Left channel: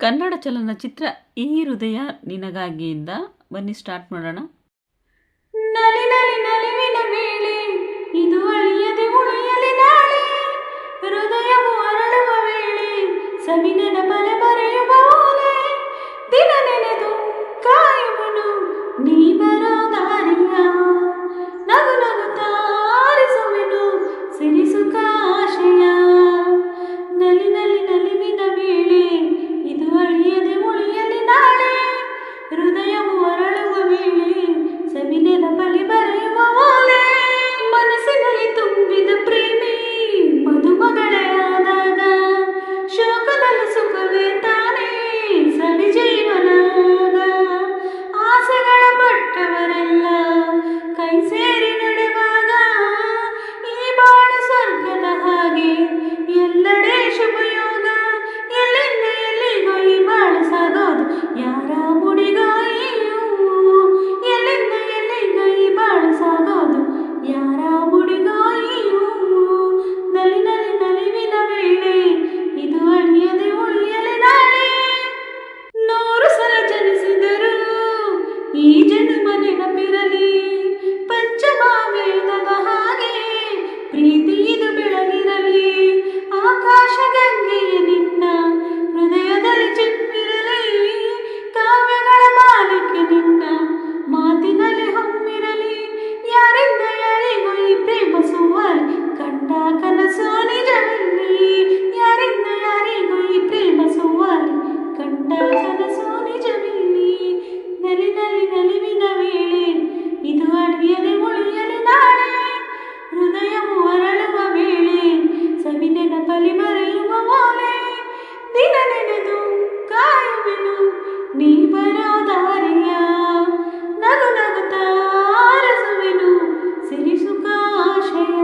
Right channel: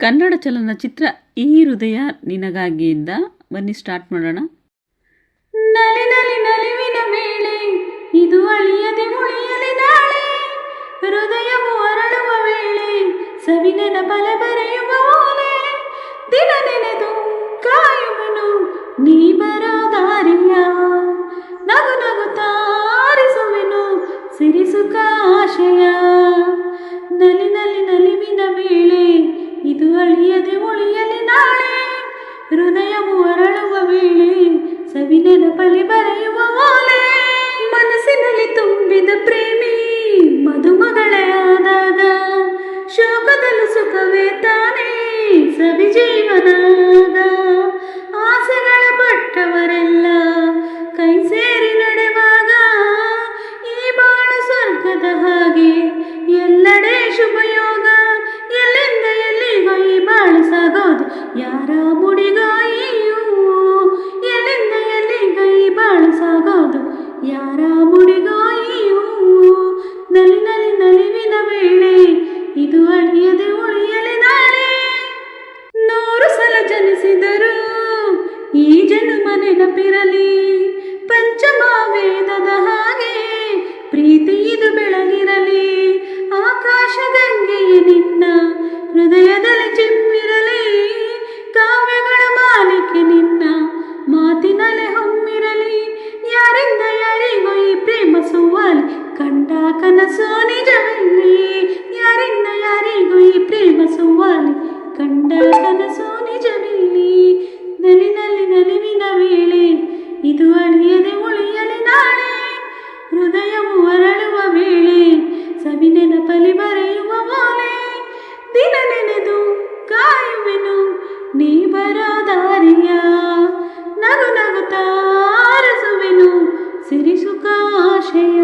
ಕನ್ನಡ ಚಲನಚಿತ್ರ ಈ ಹೃದಯ ನಿನಗಾಗಿಯಿಂದ ಬನ್ನಿ ಸ್ಟಾರ್ಟ್ ಮಾಡೋಣ. ನಲಿ ನಲಿ ನಲಿವಿನ ವೇಳೆ ಇದು ಅಳಿಯದೆ ಉಳಿಯಲಿ ನಾಳೆ ಹೃದಯವು ಅರಳುವ ವೇಳೆ ಸವಿನೆನ ಬಲ ಬರೆಯುವ ಓಲೆ. ದಿನ ನೆನೆದು ಹೃದಯವು ಅರಳುವ ವೇಳೆ ಸವಿನೆನ ಬಲಿ ಬರೆಯುವ ಓಲೆ ಮನಸ್ಸಿನಲ್ಲಿ ತುಂಬಿದ ಪ್ರೇಮಿ ಮದುಮಗಳೇ ಆದಾಗ ಶೋಕದಲ್ಲೂ ಸುಖವೇ ತಾನೇ ಸವಿ ಜೀವನಾಗ. ಆಸೆಗಳ ಪಟ್ಟವರೆಲ್ಲ ಕೈ ಸೇರಿ ನಡೆವಾಗ ಈ ಬಾಳು ಸ್ವರ್ಗದ ಹಾಗೆ ಎಲ್ಲಡೆ ಶುಭಯೋಗ ಯಾರ ಮುಡಿಗಾಯಿಯೂ ಎಲ್ಲಿಂದ ಎಲ್ಲಿಗೈ ಬಾಳು ಸಾಗೋದು ಯಾರ ಮುಡಿಗಾಯಿಯೂ ನಲಿ ನಲಿ ನಲಿವಿನ ವೇಳೆ ಇದು ಅಳಿಯದೆ ಉಳಿಯಲೆ ನಾಳೆ. ನೂರು ಸಲ ಜನಿಸಿದರು ಈ ಜನ್ಮ ನೆನಪಿರಲಿ ಪಂಚಮ ವೇದದ ಹಾಗೆ ಪ್ರೀತಿ ಇದು ಬೆಳಗಿರಲಿ ಆಕಾಶ ಹೊರಳುವ ವೇಳೆ ಸವಿನೆನ ಪಲಿ ಬರೆಯುವ ಮಾಲೆ ದಿನ ನೆನೆದು ಕಾಯುವೆನು ನೀ ಬರೋ ದಾರಿಯ. ನಗು ನಗುತ್ತಾರಸುವೆನು ಸಿರಿಸುಕಾಶಯ